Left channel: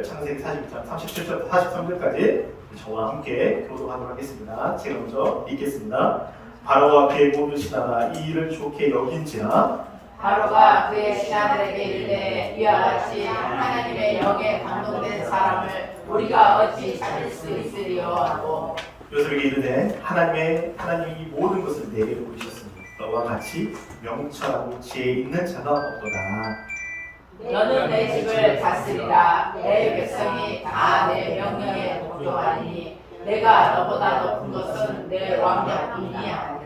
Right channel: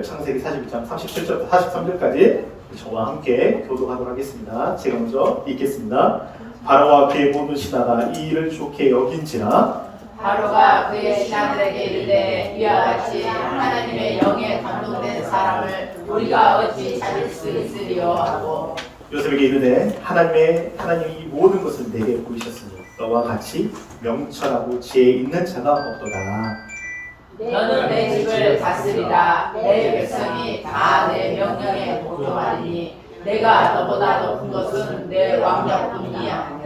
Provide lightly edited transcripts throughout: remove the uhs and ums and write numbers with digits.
말씀을 창세기 46장 37절부터 43절까지 저와 함께 교독하도록 하겠습니다. 제가 먼저 읽겠습니다. 바로와 그의 모든 신하가 이 일을 좋게 여긴지라. 바로가 그의 신하들에게 이르되 이와 같이 하나님의 영에 감동된 사람을 우리가 어찌 찾을 수 있으리요 하고 요셉에게 이르되 하나님이 모든 것을 내게 보이셨으니 너와 같이 명철하고 지혜 있는 자가 없도다. 너는 내 집을 다스리라. 내 백성이 다 내 명령에 복종하리니 내가 너보다 높은 것은 내 왕자뿐이야.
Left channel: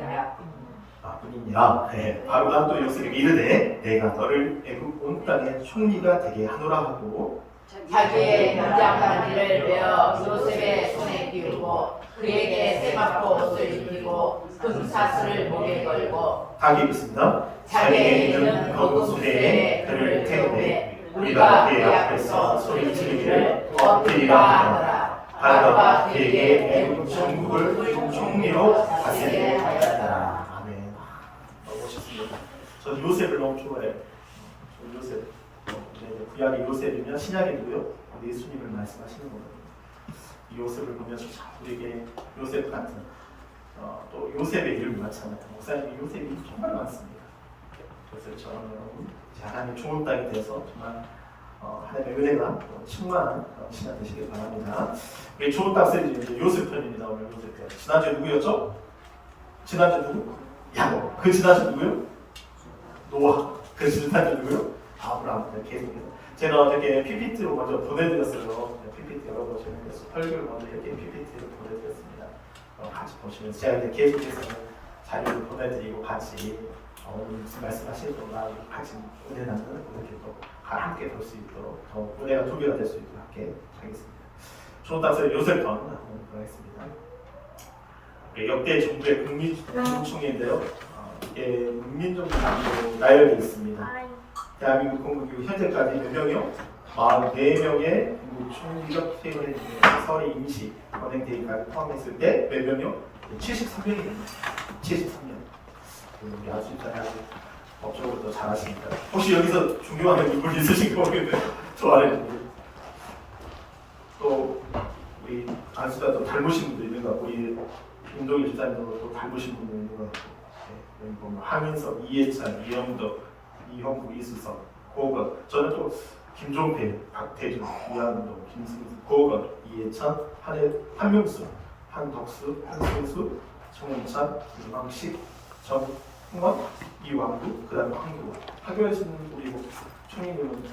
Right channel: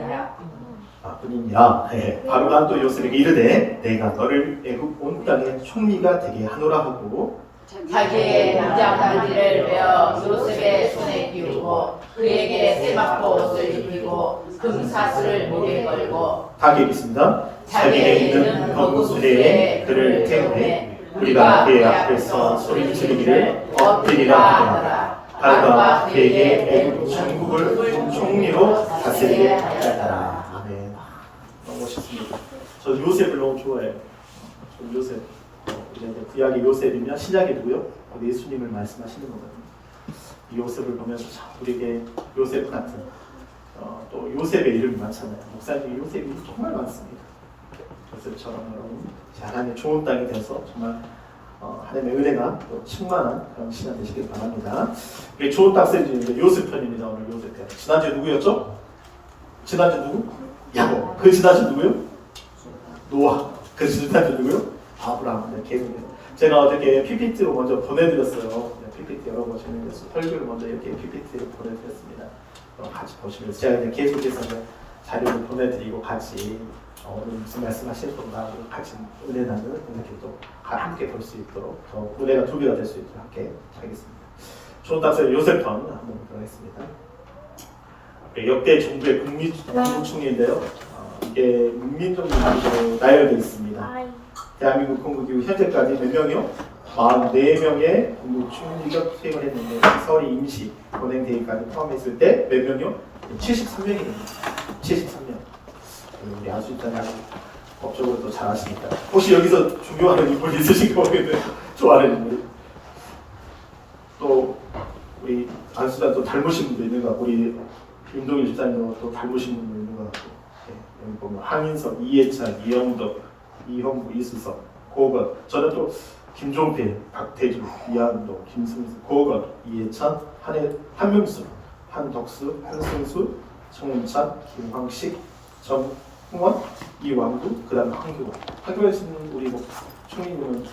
뿐이니라. 바로가 또 요셉에게 이르되 내가 너를 애굽 온 땅의 총리가 되게 하노라 하고 자기의 남장단지를 베어 요셉의 손에 끼우고 그에게 세마포 옷을 입히고 금사슬을 목에 걸고 다 읽겠습니다. 자기의 있는 거구수대에 그를 태우매 우리가 그의 앞에서 소리 지르기를 엎드리라 하더라. 바로가 그에게 애굽 전국을 총리로 다스리게 하였더라. 아멘. 너무 멋있습니다. 저는 요셉을 너무 좋아해요. 저는 요셉. 구약의 요셉이면 신약의 누구요? 예수님을 말씀하시는 거거든요. 이 요셉을 보면서 참 우리에게 요셉 같은 또 요셉의 이름이 많잖아요. 목사님 요셉이 정말 많습니다. 요셉처럼 여러분 하나님의 좋은 땅이 돼서 정말 하나님의 은혜가 또 충만한 그런 시간 되시길 바랍니다. 우리 좋은 땅 시리즈인데 요셉 편입니다. 오늘 요셉 편. 지난주에 누구였죠? 지난주 누구? 야곱. 그 지난주 누구요? 노아. 그 지난주 누구요? 아브라함. 계속해서 제가 어저께 PPT로 먼저 보내드렸어요. PPT 여러 번 진행해서 설교를 먼저 이렇게 PPT를 보내드렸습니다. 같이 보시면서 제가 그냥 계속해서 자료를 보내드리고 같이 오늘 무슨 말씀하실 건가 같이 은혜 나누는 이렇게 또 함께 볼 수 있도록 더 은혜가 두 배가 될 수 있도록 함께 하겠습니다. 좋은 땅에서 요셉편 한번 보도록 하겠습니다. 역대 정부의 국무총리인데요. 이게 문민정부로 나열되어 있습니다. 대한민국 건국 이후 현재까지 몇 명이요? 44명의 국무총리가 퇴임을 했는데 서울이 임시 권행대회까지 포함했을 때 몇 명이요? 73명입니다. 73명. 우리 안수일단이 아주 법적으로 또 잘하시니까 혹시 여기서 존경하는 분 있으신지 모르겠는데 좋아하는 분 또 우리 안수일단 또 닮으신 분도 있는 것 같고 우리 임동희 집사님도 또 닮으신 분도 있는 것 같고 여기 보면 한인석, 이해찬, 이영덕, 이형구, 이수석, 고건 저는 또 김종필, 박태주, 이한동, 김승수, 고건, 이해찬, 한명수, 한덕수, 한승수, 정은찬, 김황식, 정흥원, 이왕두, 그 다음에 황교안. 학교에 있는 우리 총리님은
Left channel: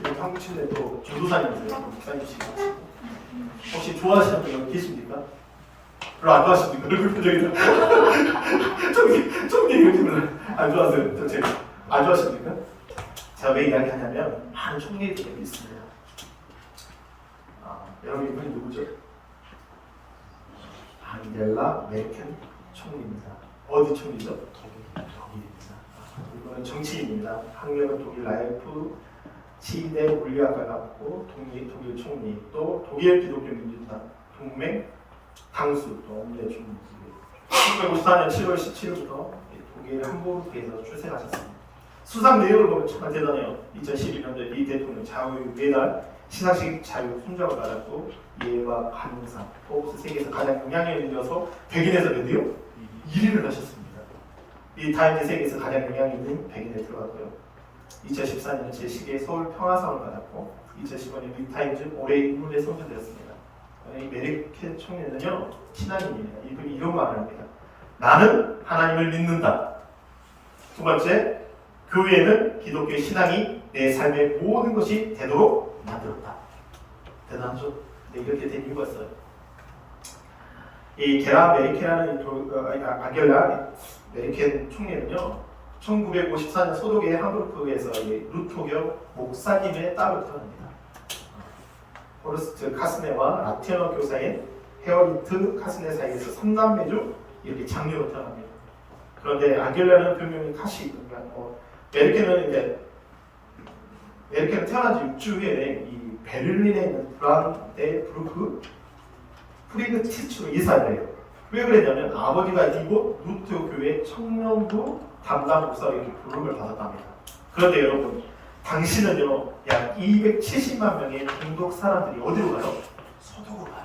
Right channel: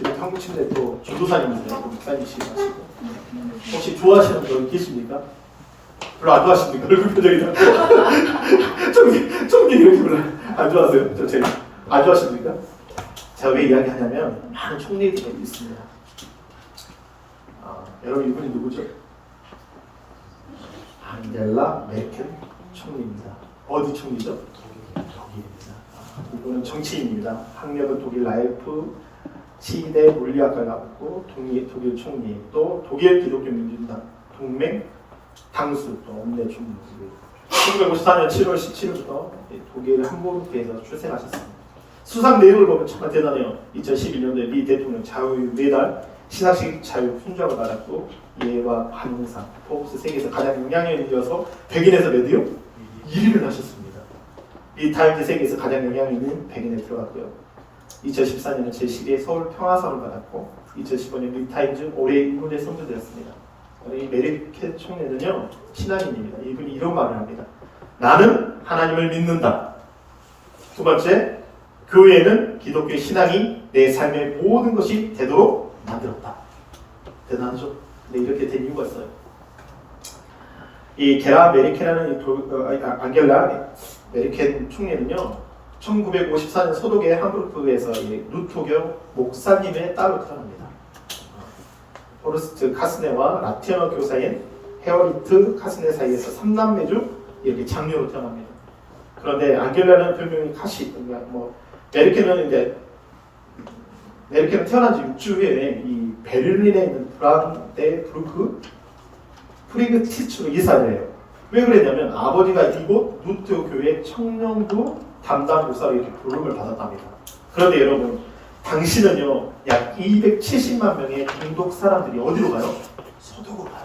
우리 한국 침대 또 전도사님이세요. 목사님이시고 하시고 혹시 좋아하시는 분 계십니까? 별로 안 좋아하십니까? 얼굴 표정이다. 총리 안 좋아하세요? 저 제가 안 좋아하십니까? 제가 왜 이야기하냐면 많은 총리들이 있습니다. 여러분 이분이 누구죠? 앙겔라 메르켈 총리입니다. 어디 총리죠? 독일입니다. 이분은 정치인입니다. 학력은 독일 라이프 치대 물리학과를 나왔고 독일 총리 또 독일 기독교 민주당 동맹 당수 또 원내 총리 1954년 7월 17일부터 독일 함부르크에서 출생하셨습니다. 수상 내용을 보면 정말 대단해요. 2012년도에 미 대통령 자유 매달 시상식 자유 훈장을 받았고 예와 관상 포브스 세계에서 가장 영향력 있어서 100인에서 몇 위요? 1위를 하셨습니다. 이 타임즈 세계에서 가장 영향 있는 100인에 들어갔고요. 2014년에 제12회 서울 평화상을 받았고 2015년 미 타임즈 올해의 인물에 선정되었습니다. 이 메르켈 총리는요 신앙인입니다. 이분이 이런 말을 합니다. 나는 하나님을 믿는다. 두 번째, 교회는 기독교 신앙이 내 삶의 모든 것이 되도록 만들었다. 대단하죠? 근데 이렇게 된 이유가 있어요. 이 게라 메르켈이라는 앙겔라 메르켈 총리는요 1954년 소독의 함부르크에서 루터교 목사님의 딸로 태어납니다. 호르스트 카스네와 라틴어 교사인 헤어리트 카스네 사이에서 3남매 중 이렇게 장녀로 태어납니다. 그런데 앙겔라는 별명이 카시, 메르켈은 이제 메르켈은 태어난 지 6주 후에 이 베를린에 있는 브란데부르크 프리그티츠로 이사를 해요. 왜 그랬냐면 아버지가 이곳 루터 교회 청년부 담당 목사로 이렇게 부름을 받았답니다. 그런데 여러분, 당시는요 약 270만 명의 동독 사람들이 어디로 가요? 서독으로 가요.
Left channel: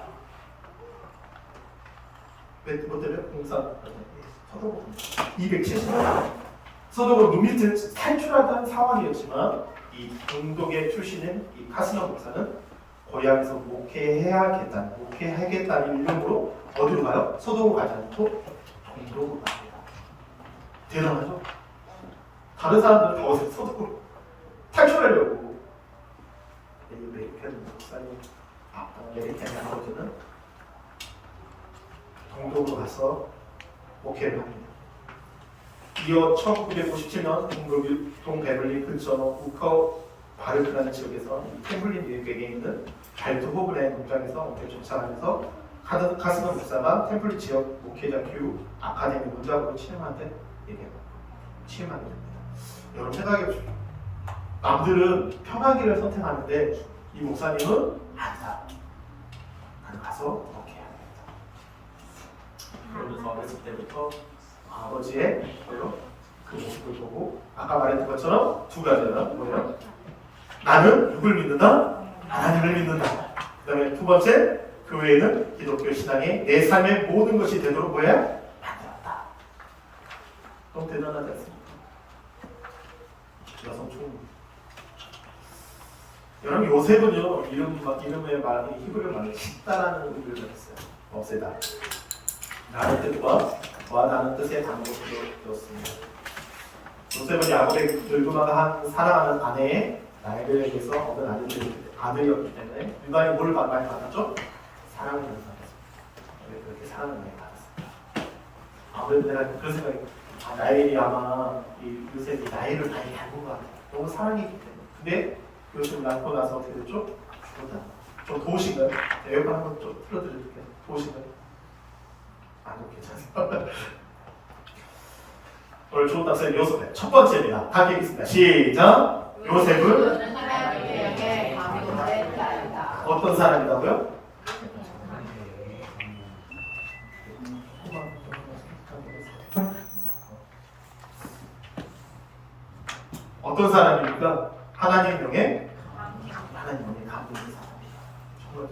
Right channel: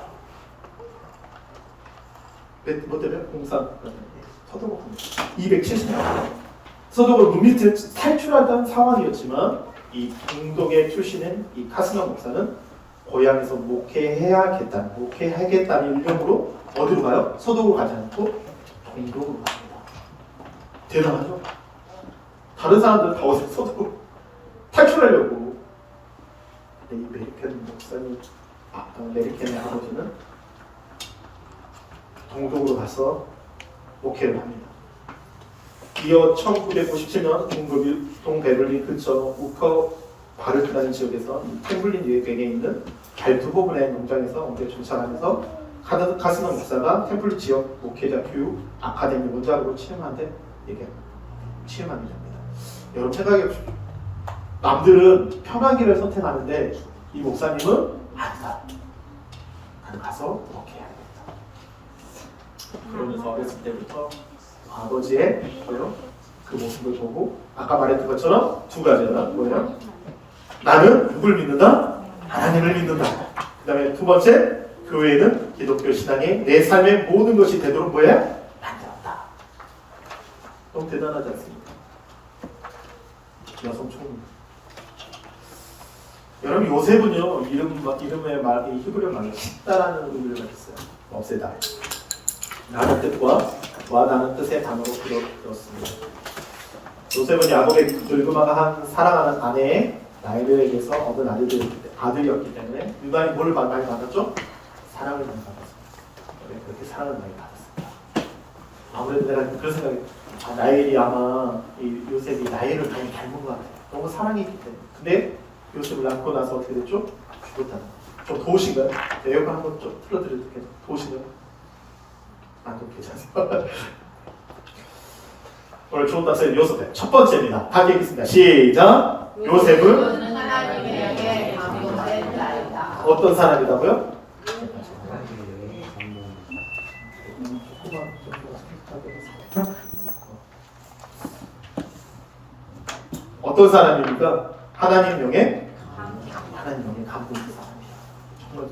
뭐 때문에? 공사 서독으로 갑니다. 270만 명. 서독을 물밑에 탈출하던 상황이었지만 이 동독의 출신인 이 카스너 목사는 고향에서 목회하겠다는 일념으로 어디로 가요? 서독으로 가지 않고 동독으로 갑니다. 대단하죠? 다른 사람들은 다 어디서 서독으로 탈출하려고. 이 메리켄 목사님, 메리켄의 아버지는 동독으로 가서 목회를 합니다. 이어 1997년 동베를린 근처 우커 바르크라는 지역에서 템블린 유역에 있는 발투보그네 농장에서 원래 전착하면서 카스너 목사가 템플린 지역 목회자 교육 아카데미 원장으로 취임한데 이게 취임하게 됩니다. 여러분 생각해 보십시오. 남들은 편하기를 선택하는데 이 목사님은 아니다. 나는 가서 목회해야겠다. 그러면서 어렸을 때부터 아버지의 그 모습을 보고 아까 말했던 것처럼 두 가지가 뭐예요? 나는 누구를 믿는다? 하나님을 믿는다. 그 다음에 두 번째, 교회는 기독교 신앙이 내 삶의 모든 것이 되도록 뭐야? 만들었다. 너무 대단하지 않습니까? 여성 총리. 여러분 요셉은요 이름의 말 히브리어 말로 씻다라는 의미를 했어요. 없애다. 라는 뜻과 와다는 뜻의 단어로 들었습니다. 요셉은 야곱의 늙음아가 사랑하는 아내의 나일에게서 얻은 아들이었기 때문에 유다인이 뭘 많이 받았죠? 사랑을 많이 받았습니다. 네, 그렇게 사랑을 많이 받았습니다. 아무래도 내가 그런 생각이 나일이 아마 이 요셉이 나일을 많이 닮은 것 같아요. 너무 사랑이기 때문에. 근데 요셉을 낳고 나서 어떻게 됐죠? 죽었다. 좀 도우시면 에어컨 한번 좀 틀어드려도 될까요? 도우시면 안 괜찮아요. 오늘 좋은 답변 요셉의 첫 번째입니다. 다 얘기했습니다. 시작. 요셉은 하나님에게 감동된 자이다. 어떤 사람이라고요? 어떤 사람입니까? 하나님 명에 감동된 사람이에요. 정말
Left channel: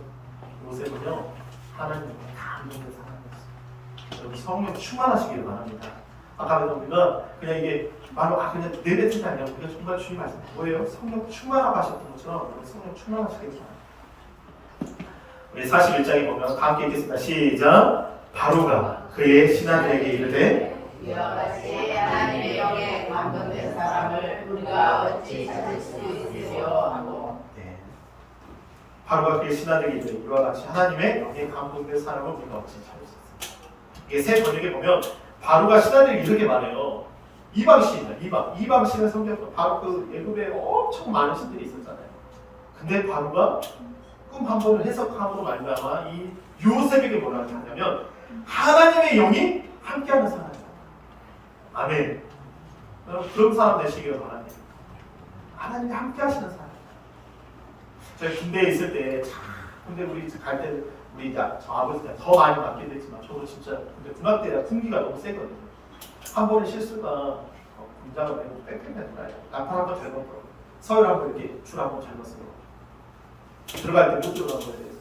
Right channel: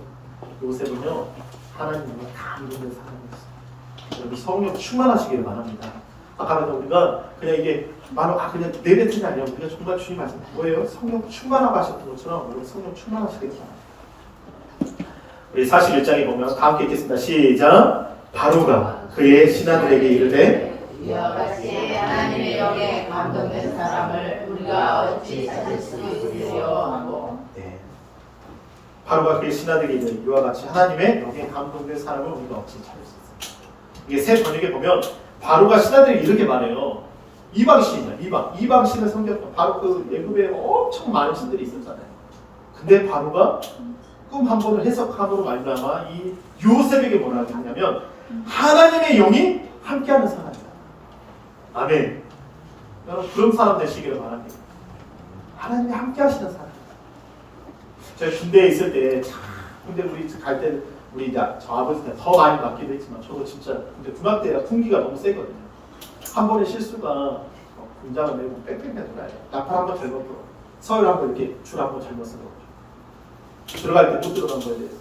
요셉은요 하나님 명에 감동된 사람이었어요. 여러분 성령 충만하시기를 바랍니다. 아까 우리가 그냥 이게 바로 그냥 내뱉은 게 아니라 우리가 정말 주님 말씀 뭐예요? 성령 충만하고 하셨던 것처럼 여러분 성령 충만하시길 바랍니다. 우리 41장에 보면 다 함께 읽겠습니다. 시작. 바로가 그의 신하들에게 이르되 이와 같이 하나님의 영에 감동된 사람을 우리가 어찌 찾을 수 있으리요 하고. 네. 바로가 그의 신하들에게 이르되 이와 같이 하나님의 영에 감동된 사람을 우리가 어찌 찾을 수 있을까? 이게 새 번역에 보면 바로가 신하들에게 이렇게 말해요. 이방 신이다. 이방 신의 성경 바로 그 예굽에 엄청 많은 신들이 있었잖아요. 근데 바로가 꿈 한 번을 해석함으로 말미암아 이 요셉에게 뭐라고 하냐면 하나님의 영이 함께하는 사람이다. 아멘. 여러분 그런 사람 되시기를 바랍니다. 하나님이 함께하시는 사람이다. 저희 군대에 있을 때 근데 우리 갈 때 우리 저 아버지 때 더 많이 맞기도 했지만 저도 진짜 근데 군악 때가 군기가 너무 세거든요. 한 번의 실수가 군장을 내고 빽빽하게 돌아요. 나팔 한번 잘못 불어. 서열 한번 이렇게 줄 한번 잘못 쓰고 들어갈 때 못 들어간 거에 대해서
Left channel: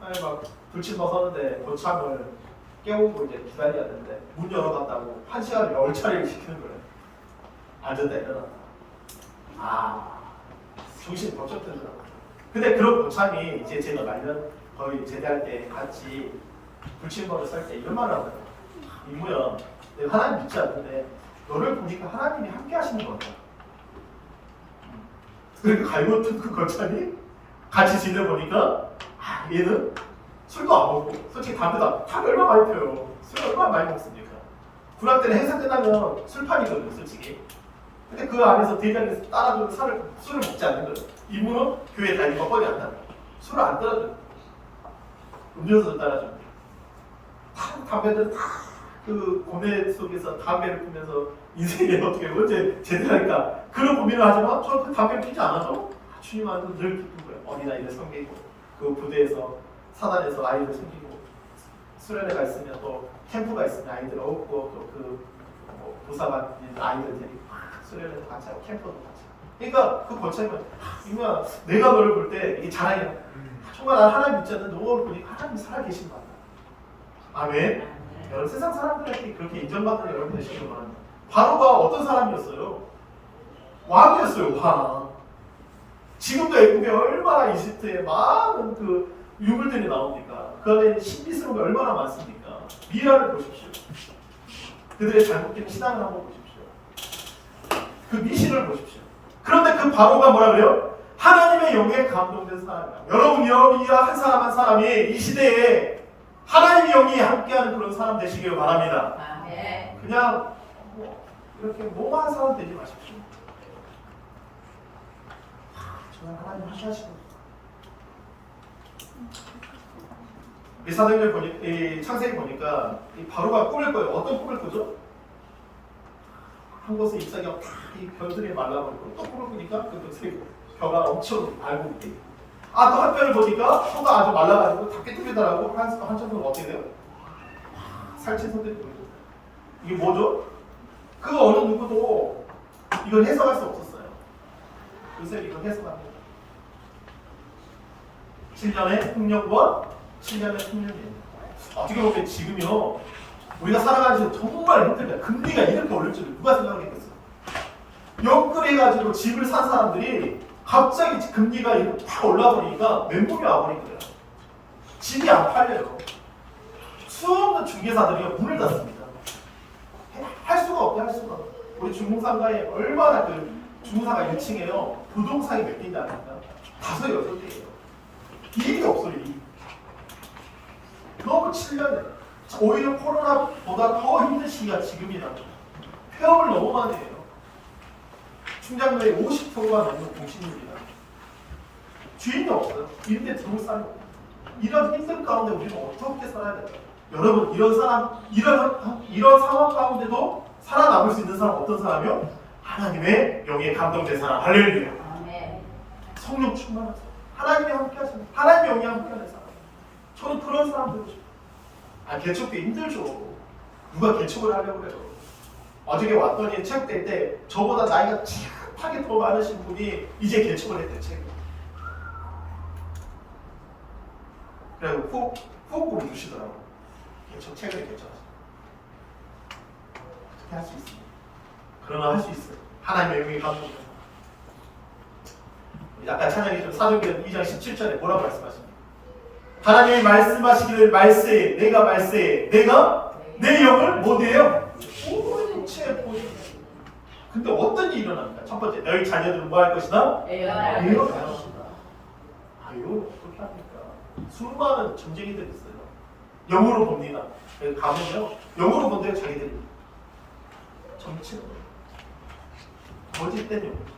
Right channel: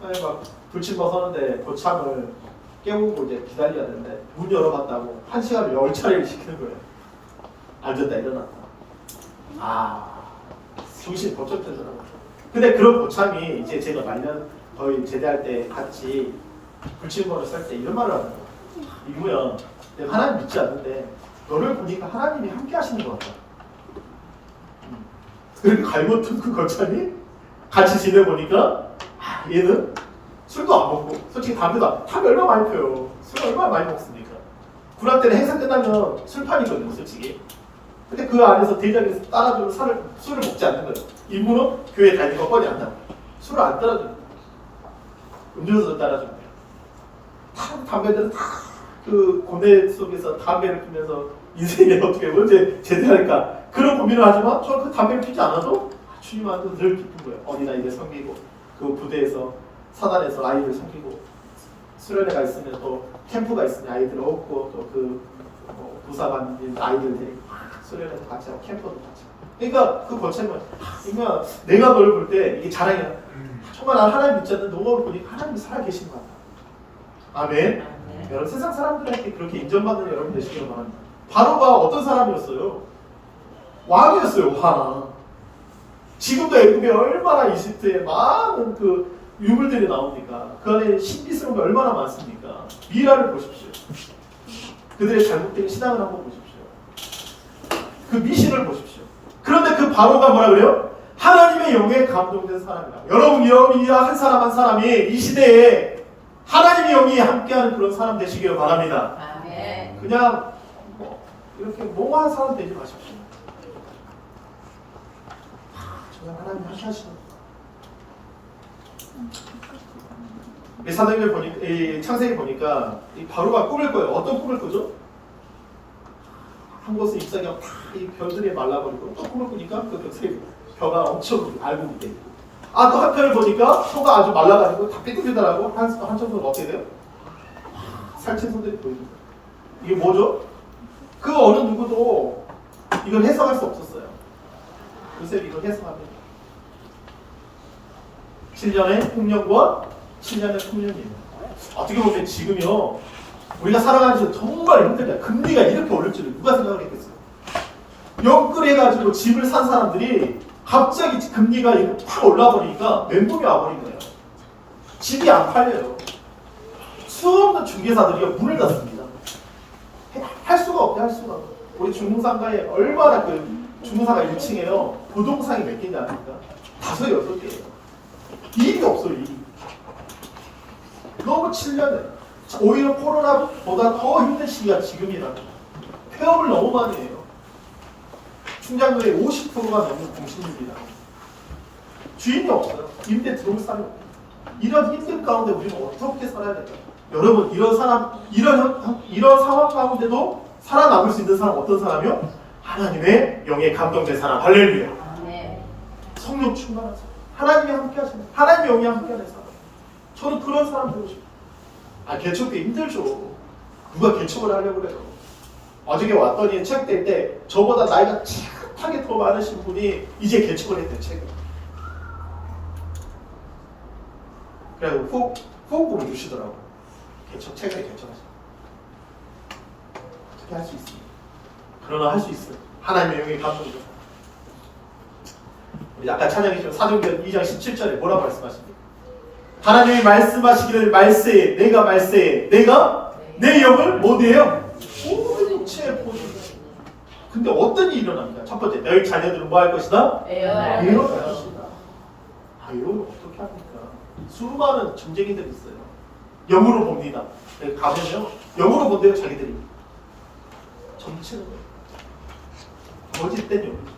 아니 막 불침번 서는데 고참을 깨우고 이제 기다려야 되는데 문 열어봤다고 1시간을 10차례를 시키는 거예요. 앉았다 일어났다. 정신이 번쩍 들더라고요. 근데 그런 고참이 이제 제가 말년 거의 제대할 때 같이 불침번을 썰 때 이런 말을 하더라고요. 이모야, 내가 하나님 믿지 않는데 너를 보니까 하나님이 함께 하시는 것 같다. 그러니까 갈고튼 그 거참이 같이 지내보니까 얘는 술도 안 먹고 솔직히 담배도 안 담배 얼마나 많이 펴요. 술 얼마나 많이 먹습니까? 군악 때는 행사 끝나면 술판이거든요 솔직히. 근데 그 안에서 대장에서 따라주는 술을 먹지 않는 거예요. 이분은 교회 다니고 뻔히 안 나요. 술을 안 따라줘요. 음료수도 따라줘요. 담배들은 다 그 고뇌 속에서 담배를 피면서 인생에 어떻게 언제 제대할까 그런 고민을 하지만 저는 그 담배를 피지 않아도 주님 안에서 늘 기쁜 거예요. 어디나 이제 섬기고 그 부대에서 사단에서 아이들 섬기고 수련회가 있으면 또 캠프가 있으면 아이들 얻고 또 그 부사관 아이들 데리고 수련회도 같이 하고 캠프도 같이 하고 그러니까 그 거창한 그러니까 내가 너를 볼 때 이게 자랑이야. 정말 난 하나님 믿지 않는 너를 보니 하나님이 살아계신 거야. 아멘. 여러분 세상 사람들한테 그렇게 인정받는 여러분 되시길 바랍니다. 바로가 어떤 사람이었어요? 왕이었어요. 왕. 지금도 애굽에 얼마나 이집트에 많은 그 유물들이 나옵니까? 그 안에 신비스러운 게 얼마나 많습니까? 미라를 보십시오. 그들의 잘못된 신앙을 한번 보십시오. 그 미신을 보십시오. 그런데 그 바로가 뭐라 그래요? 하나님의 영에 감동된 사람이다. 여러분 여러분이와 한 사람 한 사람이 이 시대에 하나님의 영이 함께하는 그런 사람 되시길 바랍니다. 아멘. 그냥 뭐 이렇게 몽한 사람 되지 마십시오. 정말 하나님 함께 하시는 이 사도행전 보니 이 창세기 보니까 이 바로가 꿈을 꿔요. 어떤 꿈을 꾸죠? 한 곳에 입상이 이 별들이 말라버리고 또 꿈을 꾸니까 그 벼가 엄청 알곡이 돼 있고 또 한편을 보니까 소가 아주 말라가지고 다 삐뚤삐뚤하고 한쪽으로 어떻게 돼요? 살찐 손들이 보이는 거예요. 이게 뭐죠? 그 어느 누구도 이걸 해석할 수 없었어요. 요새 이걸 해석합니다. 7년의 흑년과 7년의 풍년이에요. 어떻게 보면 지금요 우리가 살아가는 지 정말 힘들다. 금리가 이렇게 오를 줄을 누가 생각했겠어요? 연끌해가지고 집을 산 사람들이 갑자기 금리가 이렇게 팍 올라버리니까 멘붕이 와버린 거예요. 집이 안 팔려요. 수없는 중개사들이 문을 닫습니다. 할 수가 없대, 할 수가 없대. 우리 중공상가에 얼마나 그 중공상가 1층에요. 부동산이 몇 개인지 아닙니까? 5, 6개예요. 일이 없어요, 일이. 너무 7년에 오히려 코로나보다 더 힘든 시기가 지금이라고. 폐업을 너무 많이 해요. 충장도의 50%가 넘는 공실입니다. 주인이 없어요. 임대 들어올 사람이 없어요. 이런 힘든 가운데 우리는 어떻게 살아야 될까요? 여러분 이런 상황 가운데도 살아남을 수 있는 사람 어떤 사람이요? 하나님의 영에 감동된 사람. 할렐루야. 성령 충만한 사람. 하나님이 함께 하시는 하나님의 영이 함께 하는 사람. 저는 그런 사람 되고 싶어요. 개척 때 힘들죠. 누가 개척을 하려고 그래요. 어저께 왔더니 체육대회 때 저보다 나이가 착하게 더 많으신 분이 이제 개척을 했대요. 책을. 그래서 후원금을 주시더라고요. 책을 개척하시다. 어떻게 할 수 있습니까? 그러나 할 수 있어요. 하나님의 영에 감동입니다. 우리 아까 찬양했던 사도행전 2장 17절에 뭐라고 말씀하십니까? 하나님이 말씀하시기를 말세에 내가 말세에 내가 내 영을 뭐대요? 온체 보니. 근데 어떤 일이 일어납니까? 첫 번째 너희 자녀들은 뭐 할 것이다? 예언할 것이다. 예언을 어떻게 합니까? 수많은 점쟁이들이 있어요. 영으로 봅니다. 가면요 영으로 본대요. 자기들이 점치는 거예요. 거짓된 영.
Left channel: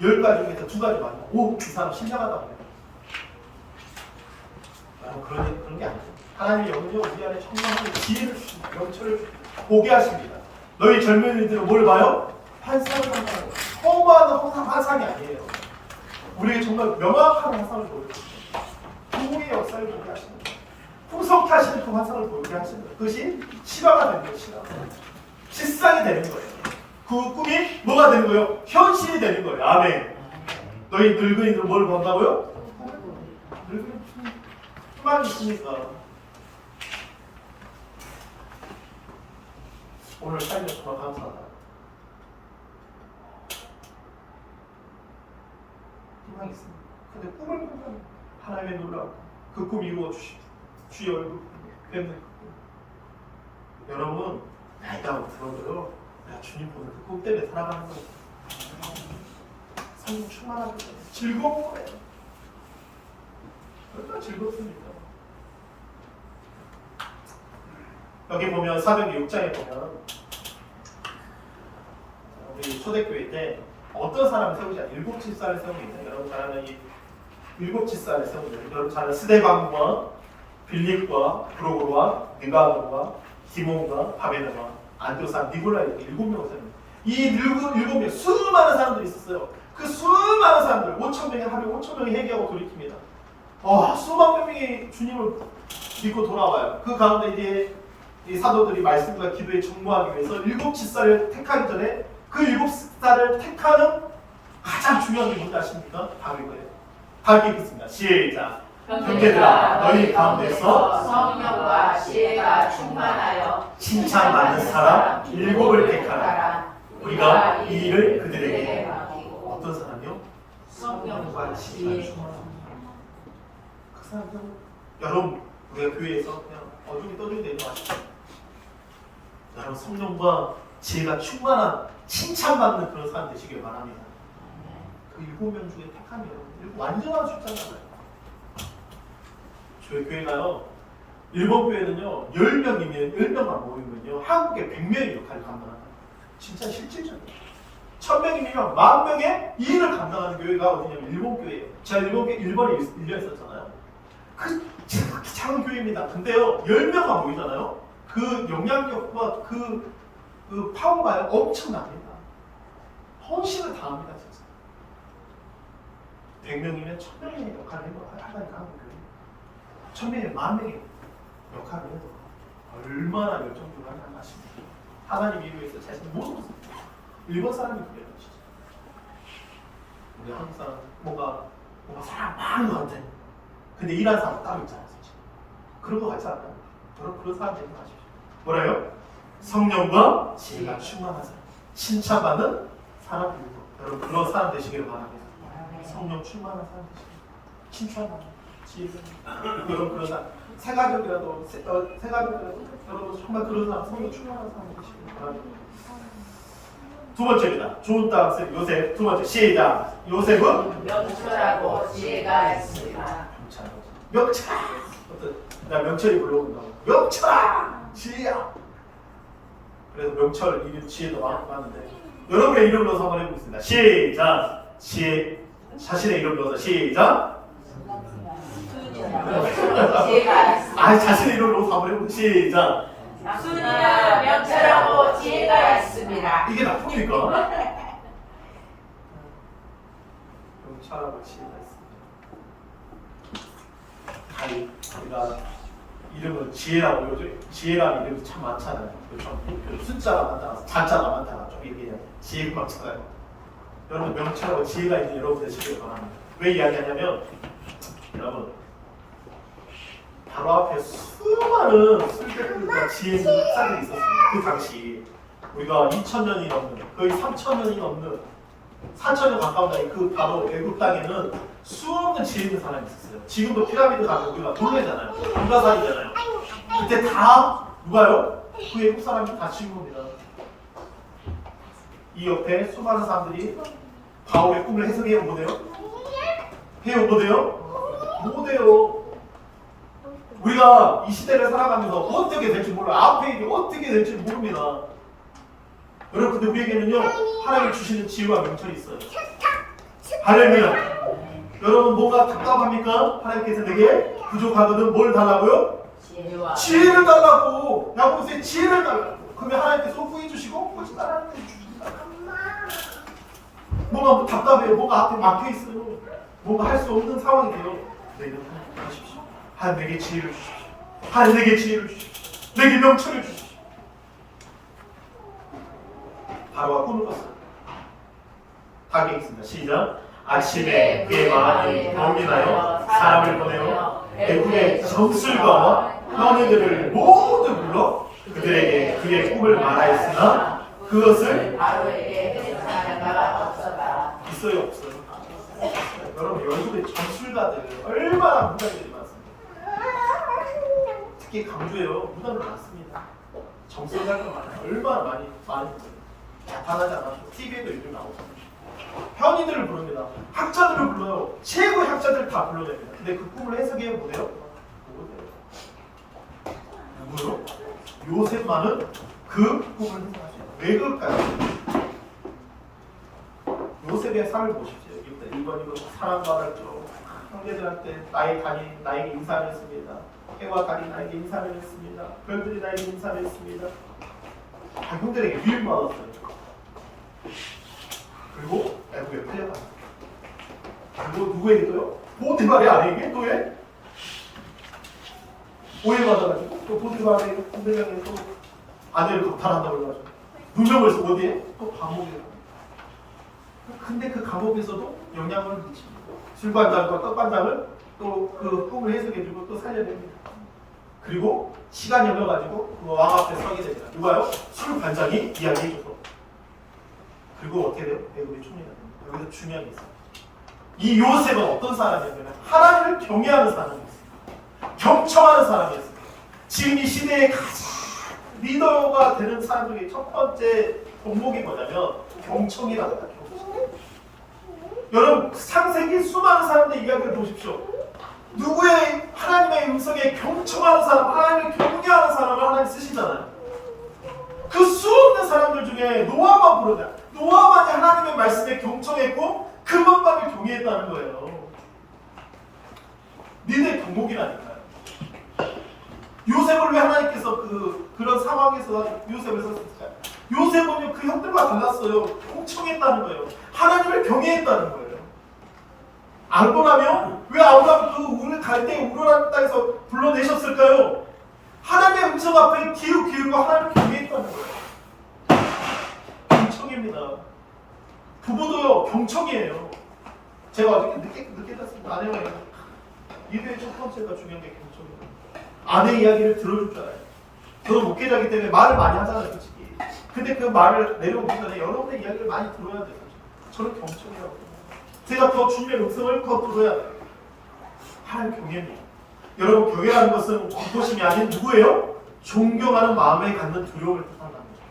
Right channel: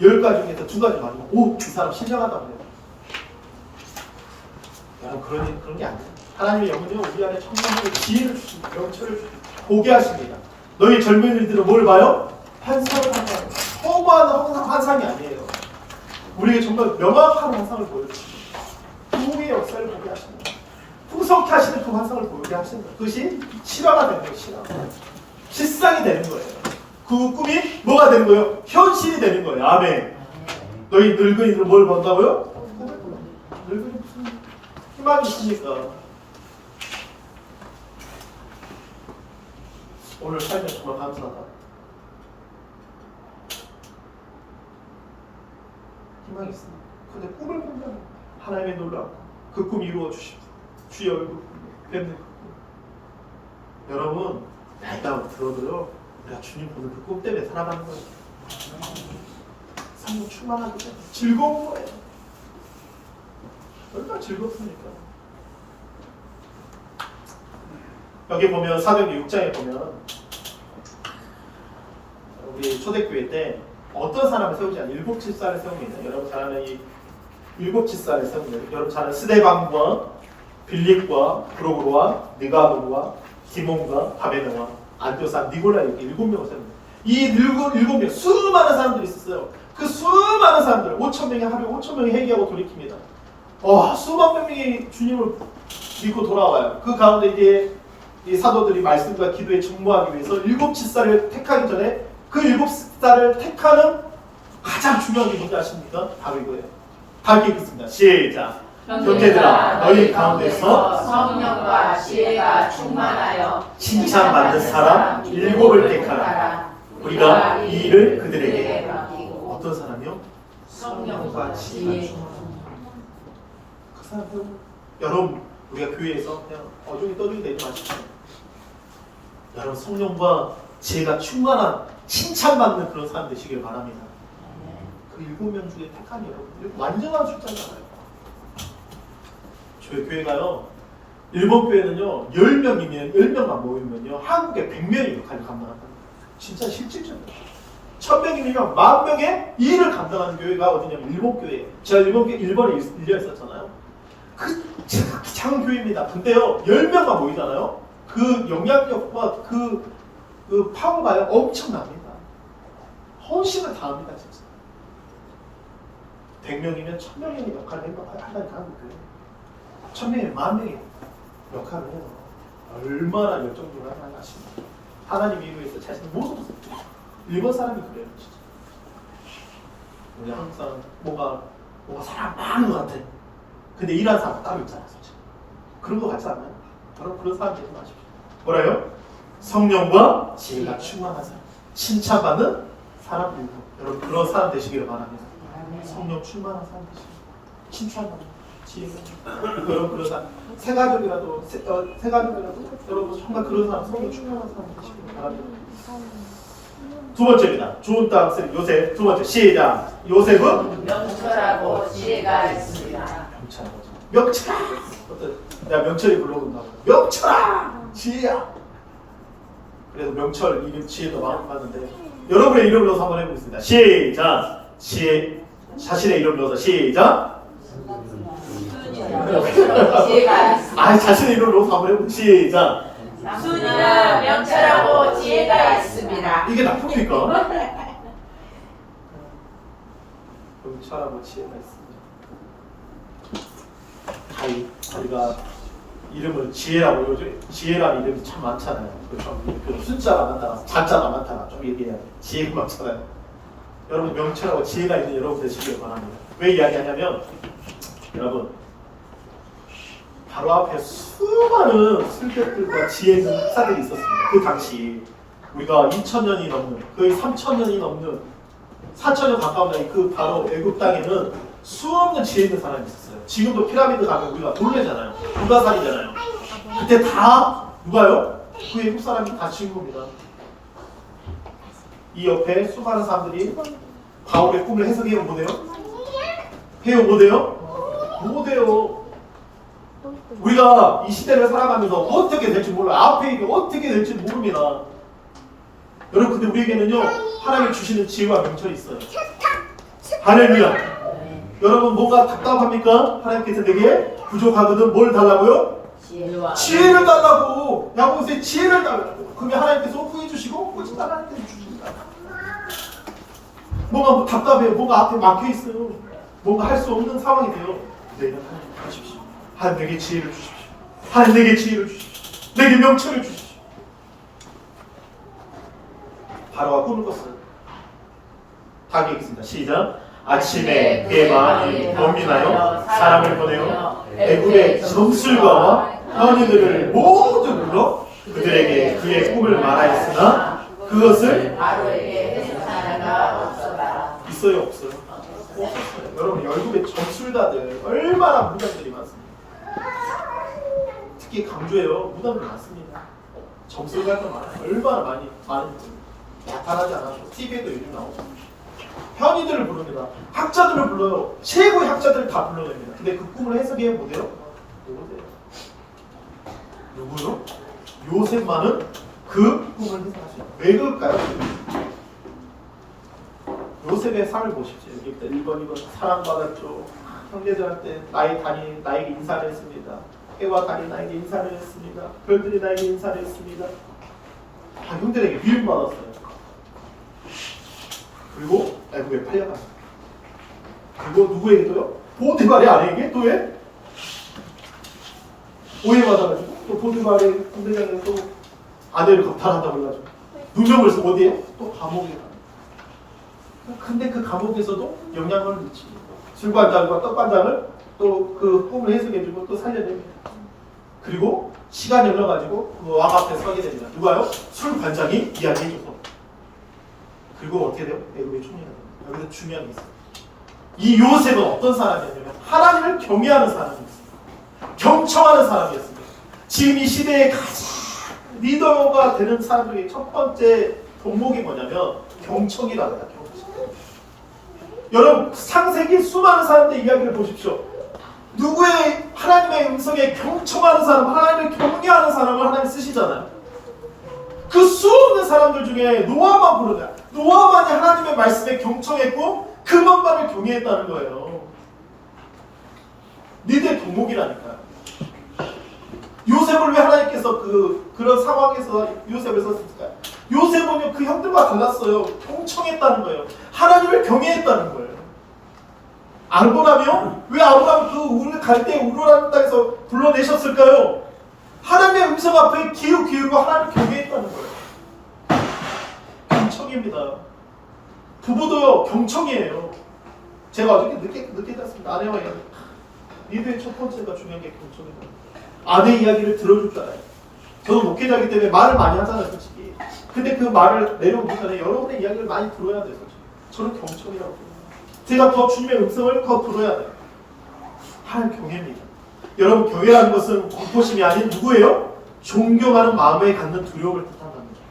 10가지 중에서 2가지 맞으면 이 사람 신령하다고 해요. 그런 게 아니에요. 하나님의 영은요 우리 안에 청량하게 지혜를 주십니다. 영처를 주십니다. 보게 하십니다. 너희 젊은이들은 뭘 봐요? 환상을 봐요. 허무한 환상이 아니에요. 우리에게 정말 명확한 환상을 보여주십니다. 부흥의 역사를 보게 하십니다. 풍성케 하시는 그 환상을 보게 하십니다. 그것이 실화가 되는 거예요. 실화. 실상이 되는 거예요. 그 꿈이 뭐가 되는 거예요? 현실이 되는 거예요. 아멘. 너희 늙은이들은 뭘 본다고요? 늙은이 희망이 있으니까. 오늘 삶에 정말 감사하다. 희망이 있습니다. 근데 꿈을 본다면 하나님의 놀라운 그 꿈 이루어 주십시오. 주의 얼굴 뵙는 그 꿈. 여러분 나이가 들어도요 우리가 주님 보는 그 꿈 때문에 살아가는 거예요. 성령 충만하기 때문에 즐거운 거예요. 얼마나 즐겁습니까? 여기 보면 사도행전 6장에 보면 우리 초대교회 때 어떤 사람을 세우지 않아요? 7집사를 세웁니다. 여러분 잘 아는 이 7집사를 세웁니다. 여러분 잘 아는 스데반과 빌립과 프로고로와 느가도와 디몬과 바베노와 안디오스 니골라 이렇게 7명을 세웁니다. 이 7명 수많은 사람들이 있었어요. 그 수많은 사람들 5,000명이 하루에 5,000명이 회개하고 돌이킵니다. 수만 명이 주님을 믿고 돌아와요. 그 가운데 이제 이 사도들이 말씀과 기도에 전무하기 위해서 7집사를 택하기 전에 그 7집사를 택하는 가장 중요한 게 뭔지 아십니까? 바로 이거예요. 다 읽겠습니다. 시작. 형제들아 너희 가운데서 성령과 지혜가 충만하여 칭찬받는 사람 7을 택하라. 우리가 이 일을 그들에게 맡기고 어떤 사람이요? 성령과 지혜 그 사람들 여러분 우리가 교회에서 그냥 어중이 떠중이 되지 마십시오. 여러분 성령과 지혜가 충만한 칭찬받는 그런 사람 되시길 바랍니다. 그 7명 중에 택한 여러분 완전한 숫자잖아요. 저희 교회가요 일본 교회는요 10명이면 10명만 모이면요 한국에 100명의 역할을 감당한다. 진짜 실질적이에요. 1000명이면 10,000명의 일을 감당하는 교회가 어디냐면 일본 교회예요. 제가 일본에 1년 있었잖아요. 제가 작은 교회입니다. 근데요 10명만 모이잖아요. 그 영향력과 그 파워가요 엄청납니다. 헌신을 다합니다 진짜. 100명이면 1000명의 역할을 한다니까 한국 교회. 1000명이 10,000명의 역할을 해서 얼마나 열정적으로 하나 아십니까? 하나님 이루에서 자신을 모르고 있어요. 일본 사람이 그래요 진짜. 우리 한국 사람 뭔가 사람 많은 것 같아. 근데 일하는 사람 따로 있잖아 솔직히. 그런 거 같지 않나요? 그런 사람 되지 마십시오. 뭐라요? 성령과 지혜가 충만한 사람, 칭찬받는 사람들이요. 여러분 그런 사람 되시길 바랍니다. 성령 충만한 사람 되시길. 칭찬받는 지혜. 여러분 그런 사람. 세 가족이라도 여러분 정말 그런 사람 성령 충만한 사람 되시길 바랍니다. 두 번째입니다. 좋은 땅 쓰리 요셉. 두 번째 시작. 요셉은 명철하고 지혜가 있습니다. 명철. 어떤 내가 명철이 불러본다고. 명철아 지혜야. 그래서 명철 이름 지혜도 많은데 여러분의 이름을 넣어서 한번 해보겠습니다. 시작. 지혜. 자신의 이름 넣어서 시작. 지혜가 있습니다. 자신의 이름을 넣어서 한번 해보겠습니다. 시작. 순이는 명철하고 지혜가 있습니다. 이게 나쁨입니까? 명철하고 지혜가 있습니다. 우리가 이름을 지혜라고 요즘 지혜라는 이름이 참 많잖아요. 좀 숫자가 많다, 자자가 많다, 좀 얘기해야 돼. 지혜가 많잖아요. 여러분 명철하고 지혜가 있는 여러분 되시길 바랍니다. 왜 이야기하냐면 여러분 바로 앞에 수많은 술객들과 지혜 있는 학사들이 있었습니다. 그 당시 우리가 2000년이 넘는 거의 3000년이 넘는 4000년 가까운 나이 그 바로 애국 땅에는 수없는 지혜 있는 사람이 있었어요. 지금도 피라미드 가면 우리가 돌개잖아요. 불가사리잖아요. 그때 다 누가요? 그 애국 사람이 다 지은 겁니다. 이 옆에 수많은 사람들이 바울의 꿈을 해석해요. 못해요? 해요? 못해요? 못해요. 우리가 이 시대를 살아가면서 어떻게 될지 몰라요. 앞에 이게 어떻게 될지 모릅니다. 여러분 근데 우리에게는요 하나님이 주시는 지혜와 명철이 있어요. 할렐루야. 여러분 뭐가 답답합니까? 하나님께서 내게 부족하거든 뭘 달라고요? 지혜를 달라고. 야고보세요. 지혜를 달라고. 그러면 하나님께서 후해 주시고 꼬집달라는 데 주십니다. 뭐가 답답해요. 뭐가 앞에 막혀있어요. 뭔가 할 수 없는 상황이 돼요. 내가 하나님 하십시오. 하나님 내게 지혜를 주십시오. 하나님 내게 지혜를 주십시오. 내게 명철을 주십시오. 바로가 꿈을 꿨어요. 다 얘기했습니다. 시작. 아침에 그의 마음이 범민하여 사람을 보내어 애굽의 점술가와 형제들을 모두 불러 그들에게 그의 꿈을 말하였으나 그것을 바로에게 해석하는 바 없었다. 있어요 없어요? 여러분 열국의 점술가들 얼마나 무당들이 많습니다. 특히 강조해요. 무당들 많습니다. 점술가가 많아요. 얼마나 많이 나타나지 않아서 TV에도 요즘 나오고 현인들을 부릅니다. 학자들을 불러요. 최고의 학자들을 다 불러냅니다. 근데 그 꿈을 해석해 못해요? 못해요. 누구요? 요셉만은 그 꿈을 해석하시죠. 왜 그럴까요? 요셉의 삶을 보십시오. 여기부터 1번, 2번 사랑받았죠. 형제들한테 나에게 인사를 했습니다. 해와 달이 나에게 인사를 했습니다. 별들이 나에게 인사를 했습니다. 형들에게 미움받았어요. 그리고 애국에 팔려갔어요. 그리고 누구에게 또요? 보디발의 아내에게 또에 오해받아가지고 또 보디발의 군대장에 또 아내를 겁탈한다고 해가지고 누명을 해서 어디에? 또 감옥에 가요. 근데 그 감옥에서도 영향을 미치고 술반장과 떡반장을 또 그 꿈을 해석해주고 또 살려내고 그리고 시간이 흘러가지고 그 왕 앞에 서게 됩니다. 누가요? 술반장이 이야기해줘서 그리고 어떻게 돼요? 대금이 줍니다. 여기서 중요한 게 있어요. 이 요셉은 어떤 사람이었냐면 하나님을 경외하는 사람이었어요. 경청하는 사람이었습니다. 지금 이 시대의 가장 리더가 되는 사람 중에 첫 번째 덕목이 뭐냐면 경청이라는 거예요. 경청. 여러분 상세기 수많은 사람들의 이야기를 보십시오. 누구의 하나님의 음성에 경청하는 사람, 하나님을 경외하는 사람을 하나님 쓰시잖아요. 그 수없는 사람들 중에 노아만 부르냐. 노아만이 하나님의 말씀에 경청했고 그것만을 경외했다는 거예요. 니들 덕목이라니까요. 요셉을 왜 하나님께서 그런 상황에서 요셉을 썼을까요? 요셉은요 그 형들과 달랐어요. 경청했다는 거예요. 하나님을 경외했다는 거예요. 아브라함이요? 왜 아브라함 그 갈대 우르라는 땅에서 불러내셨을까요? 하나님의 음성 앞에 기울고 하나님을 경외했다는 거예요. 경청입니다. 부부도요 경청이에요. 제가 어저께 늦게 잤습니다. 아내와 얘기. 리더의 첫 번째가 중요한 게 경청이에요. 아내 이야기를 들어줄 줄 알아요. 저는 목회자이기 때문에 말을 많이 하잖아요, 솔직히. 근데 그 말을 내려오기 전에 여러분의 이야기를 많이 들어야 돼요. 저는 경청이라고 해요. 제가 더 주님의 음성을 더 들어야 돼요. 하나님 경외입니다. 여러분 경외라는 것은 공포심이 아닌 누구예요? 존경하는 마음에 갖는 두려움을 뜻한다는 거죠.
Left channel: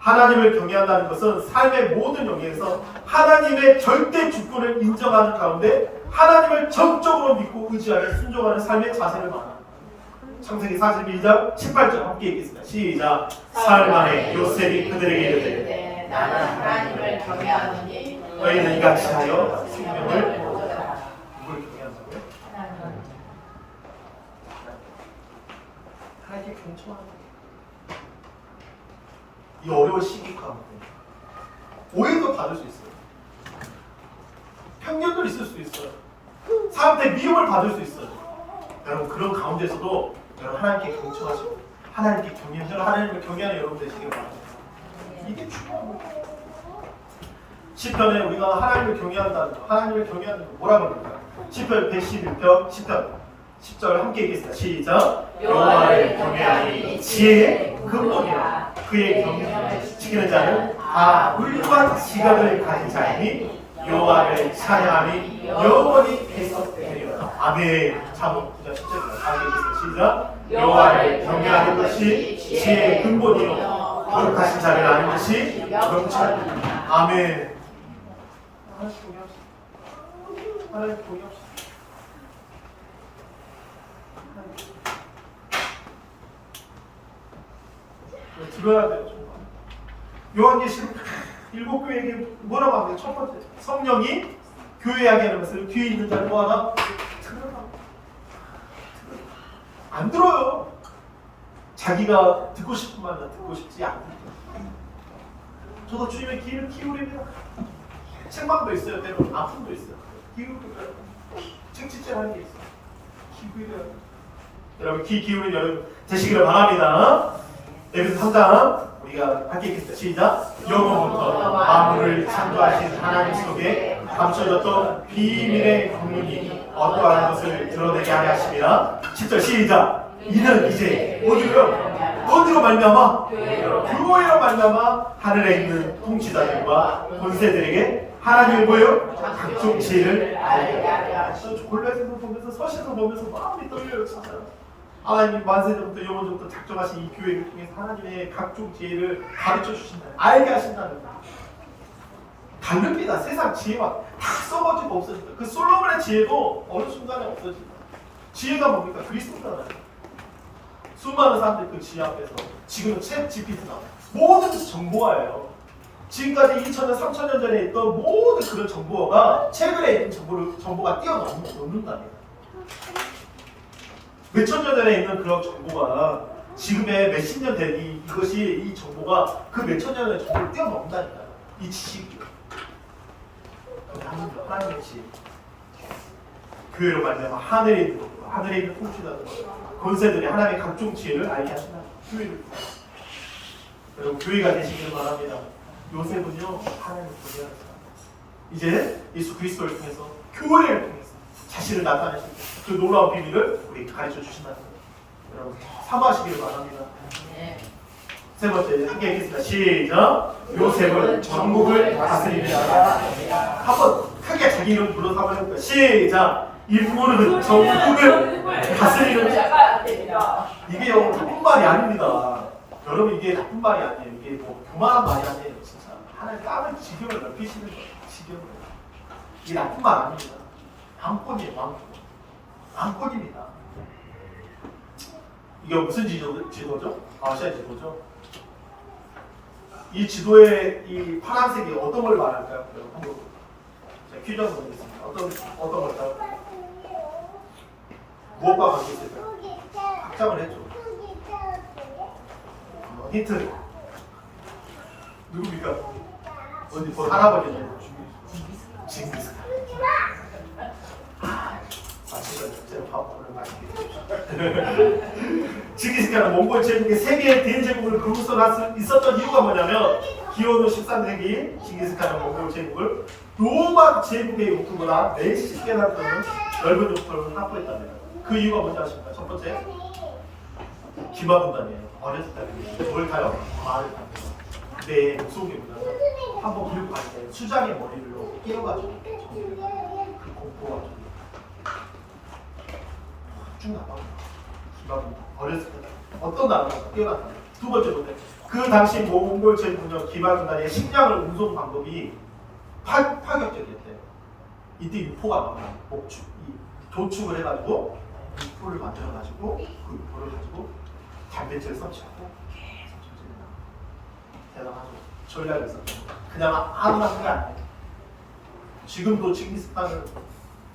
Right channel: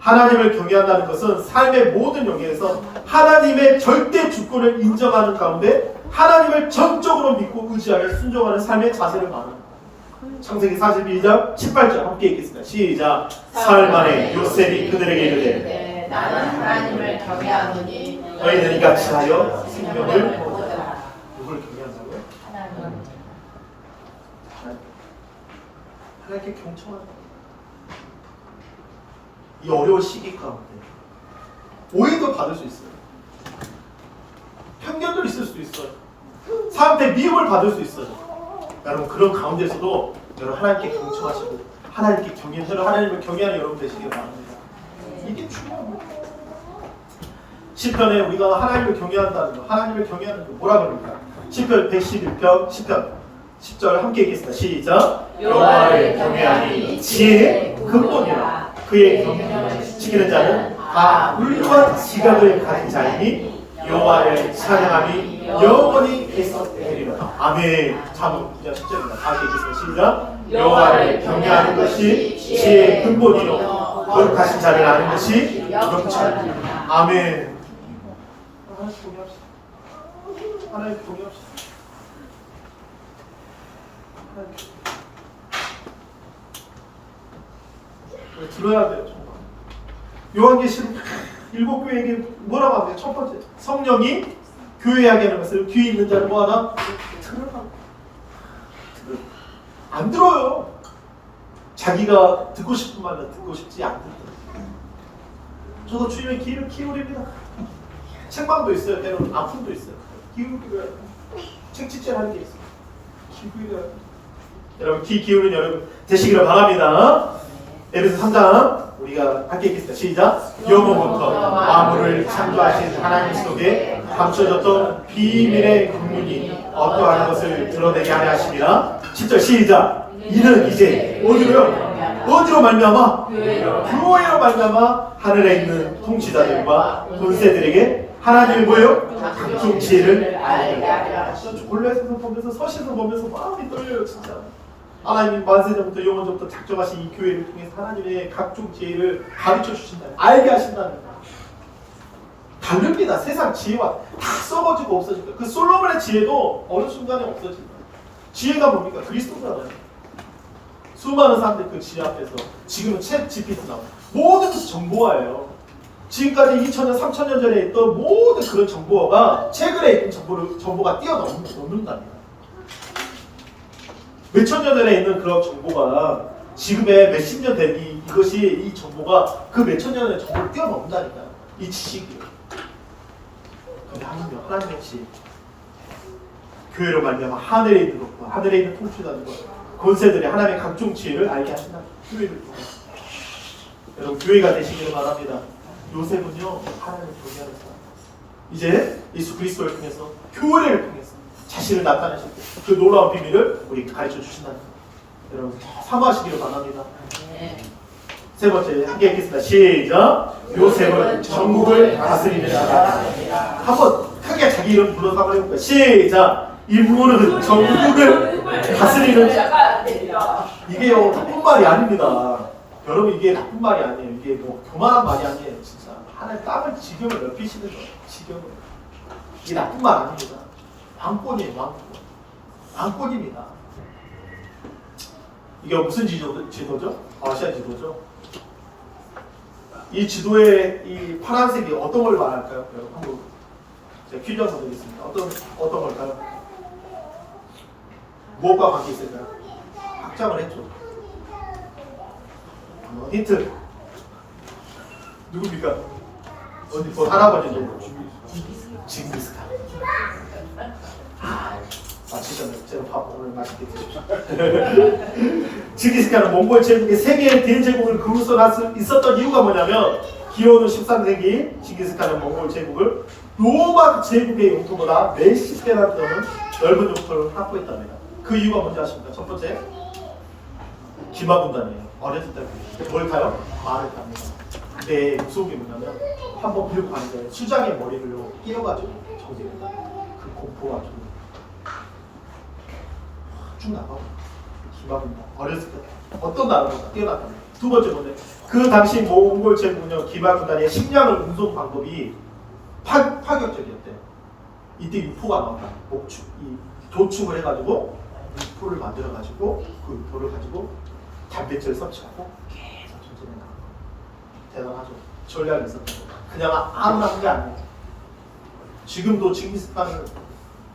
하나님을 경외한다는 것은 삶의 모든 영역에서 하나님의 절대 주권을 인정하는 가운데 하나님을 전적으로 믿고 의지하는 순종하는 삶의 자세를 말합니다. 창세기 42장 18절 함께 읽겠습니다. 시작. 사흘 만에 요셉이 그들에게 이르되 나는 하나님을 경외하노니 너희는 이같이 하여 생명을 보호하라. 누굴 경외한다고요? 하나님께 경청한다. 이 어려운 시기 가운데 오해도 받을 수 있어요. 편견도 있을 수 있어요. 사람한테 미움을 받을 수 있어요. 여러분 그런 가운데서도 여러분 하나님께 경청하시고 하나님께 경외하시고 하나님을 경외하는 여러분 되시길 바랍니다. 이게 중요한 거예요. 시편에 우리가 하나님을 경외한다는 거, 하나님을 경외하는 거 뭐라 그럴까요? 시편 111편 10절 함께 읽겠습니다. 시작. 여호와를 경외하니 지혜의 근본이라 그의 경영을 지키는 자는 다 훌륭한 지각을 가진 자이니 여호와를 찬양하니 영원히 계속되리로다. 아멘. 잠언 9장 10절입니다. 다 읽겠습니다. 시작. 여호와를 경외하는 것이 지혜의 근본이요 거룩하신 자를 아는 것이 영천이니라. 아멘. 하나님 경외합시다. 하나님 경외합시다. 들어야 돼요. 정말. 요한계시록 7교회에게 뭐라고 합니까? 첫 번째 성령이 교회에게 하는 것을 귀에 있는 자는 뭐하나? 들으라고. 안 들어요. 자기가 듣고 싶은 말은 듣고 싶지 않고. 저도 주님의 귀를 기울입니다. 책망도 있어요. 때로는 아픔도 있어요. 기울여야 책짓질 하는 게 있어요. 기울여야 돼요. 여러분 귀 기울인 여러분 되시기를 바랍니다. 에베소 3장 우리가 함께 읽겠습니다. 시작. 영원부터 만물을 창조하신 하나님 속에 감춰졌던 비밀의 경륜이 어떠한 것을 드러내게 하려 하심이라. 10절 시작. 이는 이제 어디로요? 어디로 말미암아? 교회로 말미암아 하늘에 있는 통치자들과 권세들에게 하나님의 뭐예요? 각종 지혜를 알게 하려 하시니. 골로새서 보면서 서신을 보면서 마음이 떨려요. 진짜 하나님 만세전부터 영원전부터 작정하신 이 교회를 통해서 하나님의 각종 지혜를 가르쳐 주신다. 알게 하신다는 거야. 다릅니다. 세상 지혜와 다 썩어지고 없어질 거야. 그 솔로몬의 지혜도 어느 순간에 없어진다. 지혜가 뭡니까? 그리스도잖아요. 수많은 사람들이 그 지혜 앞에서 지금은 챗 GPT나 모든 것이 정보화예요. 지금까지 2000년, 3000년 전에 있던 모든 그런 정보가 최근에 있는 정보가 뛰어넘는답니다. 몇천 년 전에 있는 그런 정보가 지금의 몇십 년 된 이것이 이 정보가 그 몇천 년 전의 정보를 뛰어넘는다니까요. 이 지식이. 근데 하나님의 지혜. 교회로 말미암아 하늘에 있는 것과 하늘에 있는 통치자들과 권세들의 하나님의 각종 지혜를 알게 하신다. 교회를 통해서. 여러분 교회가 되시기를 바랍니다. 요셉은요 하나님을 경외하는 사람. 이제 예수 그리스도를 통해서 교회를 통해서 자신을 나타내셨고 그 놀라운 비밀을 우리 가르쳐 주신다는 거예요. 여러분 사모하시기를 바랍니다. 세 번째 함께 읽겠습니다. 시작. 요셉은 전국을 다스리며 한번 크게 자기 이름 불러서 한번 해볼까요? 시작. 이 부모는 전국을 다스리는 이게요 나쁜 말이 아닙니다. 여러분 이게 나쁜 말이 아니에요. 이게 뭐 교만한 말이 아니에요. 진짜 하나님 땀을 지경을 넓히시는 거예요. 지경을. 이게 나쁜 말 아닙니다. 왕권이에요. 왕권입니다. 이게 무슨 지도죠? 아시아 지도죠? 이 지도의 이 파란색이 어떤 걸 말할까요? 여러분 한번 제가 퀴즈 한번 드리겠습니다. 어떤 걸까요? 무엇과 관계 있을까요? 확장을 했죠. 힌트 누굽니까? 어디 뭐 할아버지죠? 징기스칸. 맞히셨네요. 제가 밥 오늘 맛있게 드십시오. 징기스칸은 몽골 제국의 세 개의 대제국을 그물서 있었던 이유가 뭐냐면 기원후 13세기 징기스칸은 몽골 제국을 로마 제국의 영토보다 몇십 배나 되는 넓은 영토를 확보했답니다. 그 이유가 뭔지 아십니까? 첫 번째 기마군단이에요. 어렸을 때 뭘 타요? 말을 탑니다. 근데 무서운 게 뭐냐면 한번 밀고 가는데 수장의 머리를 끼워가지고 정리를 해요. 그 공포가 쭉 나가. 기마군단 어렸을 때 어떤 나라보다 뛰어났거든요. 두 번째 문제 그 당시 몽골 제국은 기마군단의 식량을 운송 방법이 파격적이었대요. 이때 유포가 나와요. 도축을 해가지고 유포를 만들어가지고 그 유포를 가지고 단백질 섭취하고 계속 전쟁에 나가요. 대단하죠. 전략이 있었죠. 그냥 아무나 한 게 아니에요. 지금도 징기스칸을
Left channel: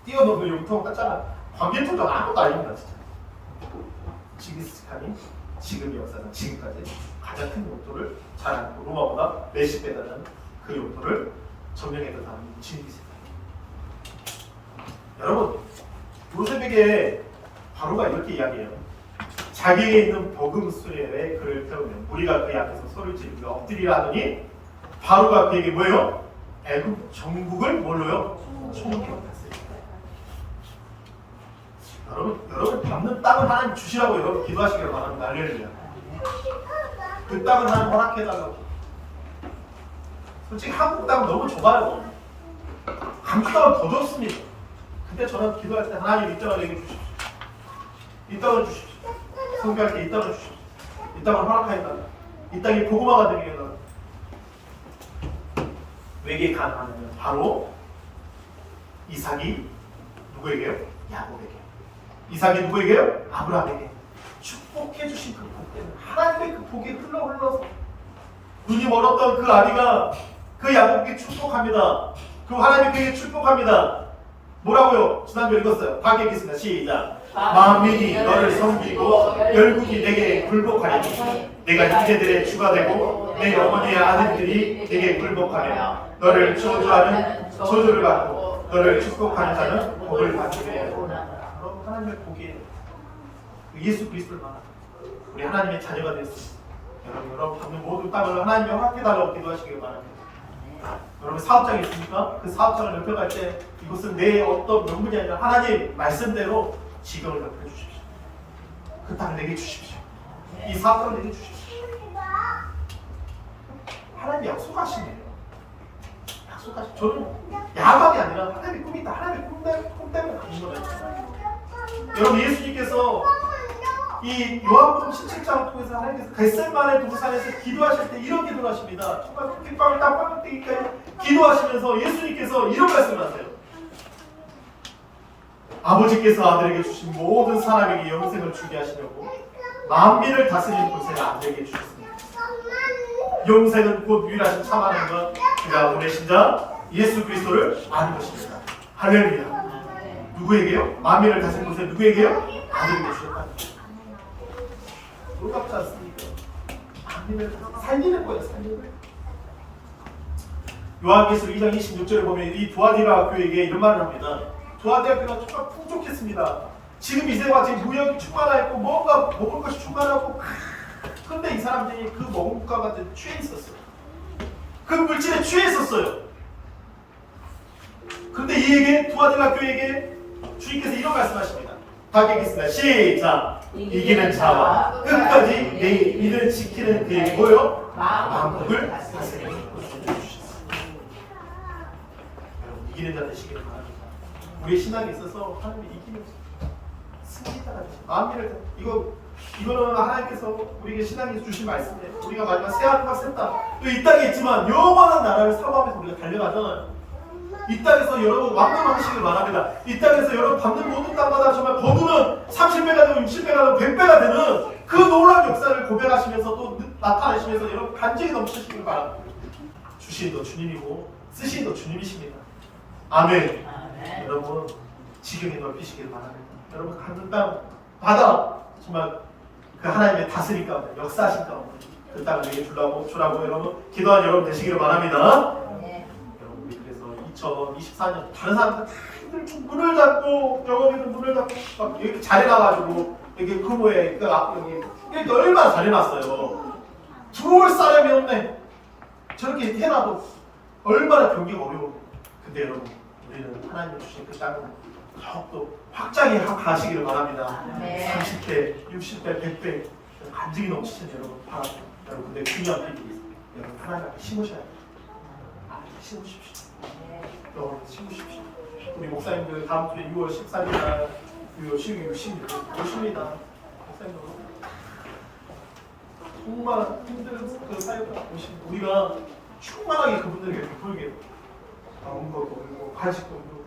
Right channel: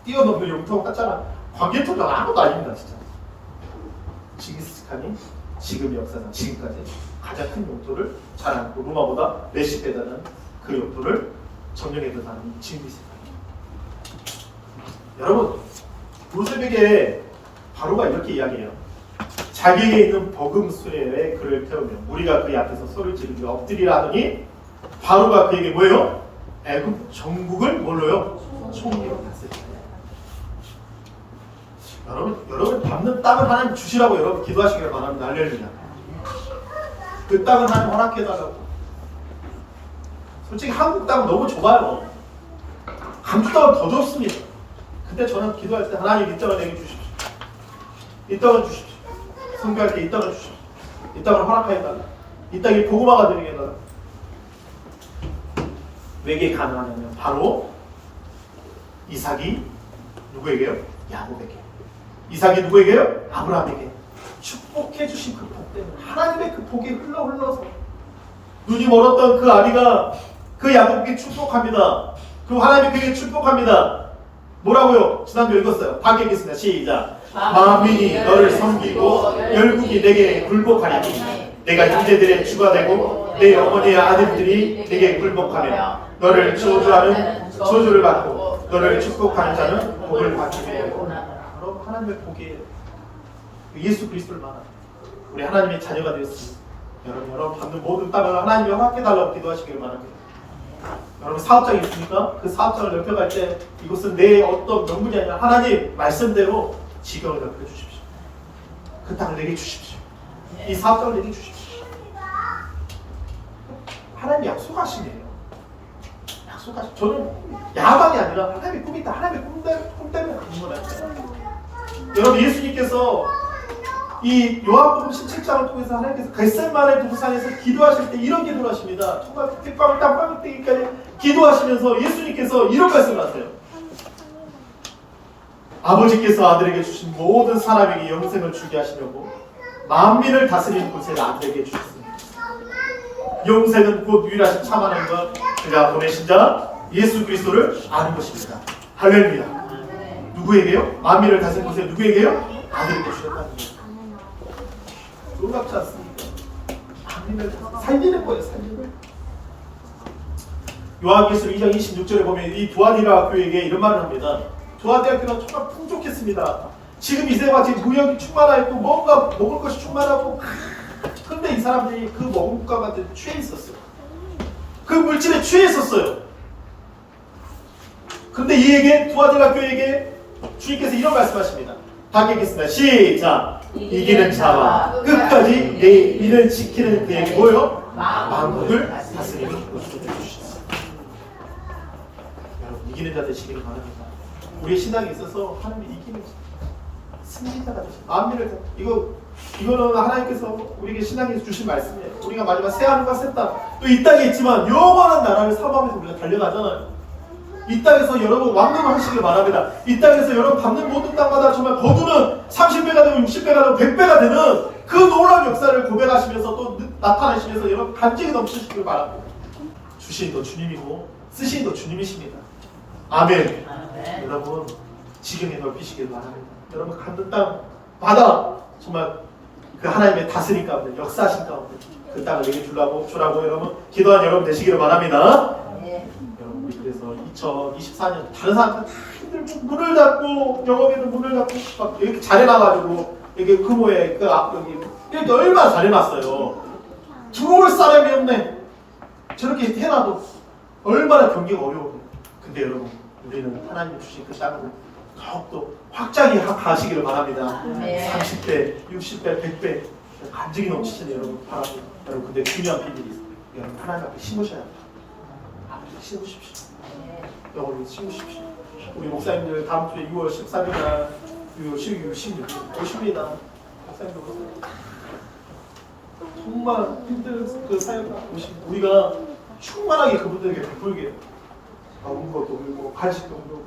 뛰어넘는 영토 같잖아. 관계통장 아무도 아닙니다. 진짜. 징기스칸이 지금 역사상 지금까지 가장 큰 영토를 잘 안고 로마보다 몇십 배 되는 그 영토를 점령해 들어가는 징기스칸. 여러분 요셉에게 바로가 이렇게 이야기해요. 자기에게 있는 버금 수레에 그를 태우면 우리가 그의 앞에서 소리를 지르며 엎드리라 하더니 바로가 그에게 뭐예요? 애굽 전국을 뭘로요? 총리로 다스리라. 여러분 밟는 땅을 하나님 주시라고 여러분 기도하시기를 바랍니다. 할렐루야. 그 땅은 하나님 허락해달라고. 솔직히 한국 땅은 너무 좁아요. 강주 땅은 더 좁습니다. 근데 저는 기도할 때 하나님 이 땅을 내게 주십시오. 이 땅을 주십시오. 선교할 때 이 땅을 주십시오. 이 땅을 허락하여달라. 이 땅이 복음화가 되게 해달라. 왜게 가능하냐면 바로 이삭이 누구에게요? 야곱에게. 이삭이 누구에게요? 아브라함에게. 축복해 주신 그 복 때문에 하나님의 그 복이 흘러서 눈이 멀었던 그 아비가 그 야곱에게 축복합니다. 그 하나님이 그에게 축복합니다. 뭐라고요? 지난주에 읽었어요. 다 읽겠습니다. 시작. 만민이 너를 섬기고 열국이 내게 굴복하리니 내가 형제들의 주가 되고 내 어머니의 아들들이 내게 굴복하며 너를 저주하는 저주를 받고 너를 축복하는 자는 복을 받게 되고. 여러분 하나님의 복이에요. 예수 그리스도를 말하는 우리 하나님의 자녀가 되었습니다. 여러분 받는 모든 땅을 하나님이 허락해달라고 기도하시길 바랍니다. 여러분 사업장이 있습니까? 그 사업장을 넓혀갈 때 이것은 내 어떤 명분이 아니라 하나님 말씀대로 지경을 넓혀 주십시오. 그 땅을 내게 주십시오. 이 사업장을 내게 주십시오. 하나님 약속하시네요. 약속하시. 저는 야망이 아니라 하나님의 꿈이 있다. 하나님의 꿈 때문에 가는 거라니까요. 여러분 예수님께서 이 요한복음 17장을 통해서 하나님께서 겟세마네 동산에서 기도하실 때 이런 기도를 하십니다. 정말 핏방울 땀방울 때기까지 기도하시면서 예수님께서 이런 말씀을 하세요. 아버지께서 아들에게 주신 모든 사람에게 영생을 주게 하시려고 만민을 다스리는 권세를 아들에게 주셨습니다. 영생은 곧 유일하신 참 하나님과 그가 보내신 자 예수 그리스도를 아는 것입니다. 할렐루야. 누구에게요? 만민을 다스리는 권세를 누구에게요? 아들에게 주셨다는 거예요. 놀랍지 않습니까? 만민을 살리는 거예요. 살리는. 요한계시록 2장 26절에 보면 이 두아디라 교회에게 이런 말을 합니다. 두아디라 교회가 정말 풍족했습니다. 지금 이 세대가 지금 무역이 충만하고 뭔가 먹을 것이 충만하고 그런데 이 사람들이 그 먹을 것 같은 취해 있었어요. 그 물질에 취해 있었어요. 근데 이에게 두 아들 학교에게 주님께서 이런 말씀하십니다. 다 읽겠습니다. 시작. 이기는 자와 끝까지 내 일을 지키는 그에게 뭐요? 만국을 다스리는 것을 주셨어요. 여러분 이기는 자 되시기를 바랍니다. 우리의 신앙에 있어서 하나님이 이기는 승리자가 되시. 만민을 이거는 하나님께서 우리에게 신앙에 주신 말씀이에요. 우리가 마지막 새 하늘과 새 땅, 또 이 땅에 있지만 영원한 나라를 사모하면서 우리가 달려가잖아요. 이 땅에서 여러분 왕노를 하시길 바랍니다. 이 땅에서 여러분 밟는 모든 땅마다 정말 거두는 30배가 되고 60배가 되고 100배가 되는 그 놀라운 역사를 고백하시면서 또 나타내시면서 여러분 간증이 넘치시길 바랍니다. 주신 거 주님이고 쓰신 거 주님이십니다. 아멘. 여러분 지경에 넓히시길 바랍니다. 여러분 가는 땅 바다 정말 그 하나님의 다스림 가운데 역사하신 가운데 그 땅을 내게 주라고 여러분 기도한 여러분 되시기를 바랍니다. 여러분 우리 그래서 2024년 다른 사람들 힘들고 문을 닫고 영업에도 문을 닫고 막 이렇게 잘해놔가지고 여기 금호에 여기 이렇게 얼마나 잘해놨어요. 들어올 사람이 없네. 저렇게 해놔도 얼마나 경기가 어려워요. 근데 여러분 우리는 하나님 주신 그 땅을 더욱더 확장히 가시기를 바랍니다. 30배, 60배, 100배 간증이 넘치시는 여러분 바랍니다. 여러분 근데 중요한 비밀이 있어요. 여러분 하나님 앞에 심으셔야 돼요. 심으십시오. 영원히 심으십시오. 우리 목사님들 다음 주에 6월 13일 날 6월 12일, 16일 오십니다. 목사님들 오십니다. 정말 힘든 그 사역을 오십니다. 우리가 충만하게 그분들에게 베풀게 먹는 것도 그리고 간식도 그리고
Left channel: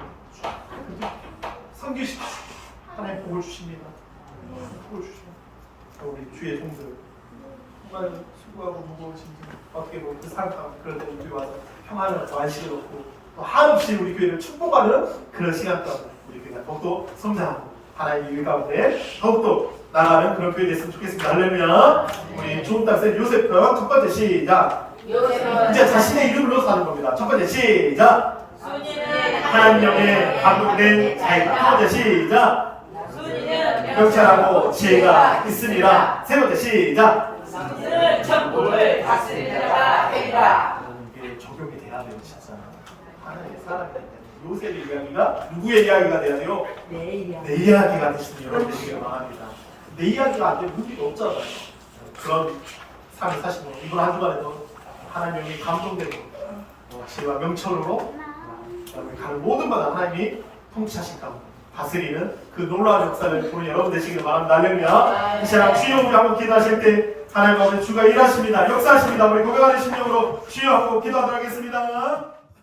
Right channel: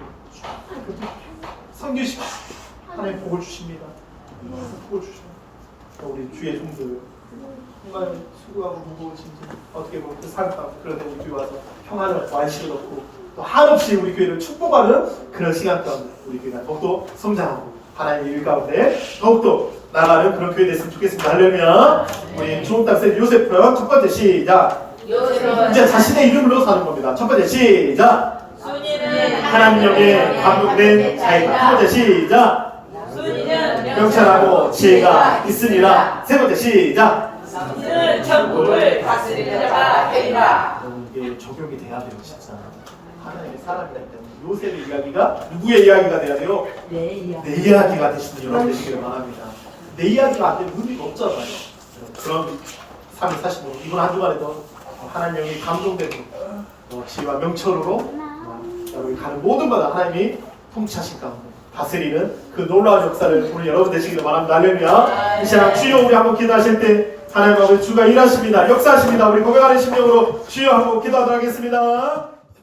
섬기십시오. 하나님 복을 주십니다. 복을 주십니다. 우리 주의 종들 정말 수고하고 무거우신지 어떻게 보면 그 삶 가운데 그런데 우리 교회 와서 평안을 안식을 얻고 또 한없이 우리 교회를 축복하는 그런 시간 가운데 우리 교회가 더욱더 성장하고 하나님의 일 가운데 더욱더 나가는 그런 교회 됐으면 좋겠습니다. 할렐루야. 우리 좋은 땅세 요셉표 첫 번째 시작. 이제 자신의 이름으로 사는 겁니다. 첫 번째 시작. 하나님의 감독된 자이다. 두 번째 시작. 명철하고 지혜가 있으리라. 세 번째 시작. 이는 천국을 다스리는 자가 되리라. 이게 적용이 돼야 돼요, 진짜. 하나님의 사람이기 때문에 요셉의 이야기가 누구의 이야기가 돼야 돼요? 내 이야기가 되시는 여러분 되시기를 바랍니다. 내 이야기가 안 되면 의미가 없잖아요. 그런 삶을 사시고 이번 한 주간에도 하나님의 감동되고 지혜와 명철으로 가는 모든 마다 하나님이 통치하신 가운데 다스리는 그 놀라운 역사를 보는 여러분 되시기를 바랍니다. 할렐루야. 이 시간 주여 우리 한번 기도하실 때 하나님 앞에 주가 일하십니다. 역사하십니다. 우리 고백하는 심령으로 주여 한번 기도하도록 하겠습니다.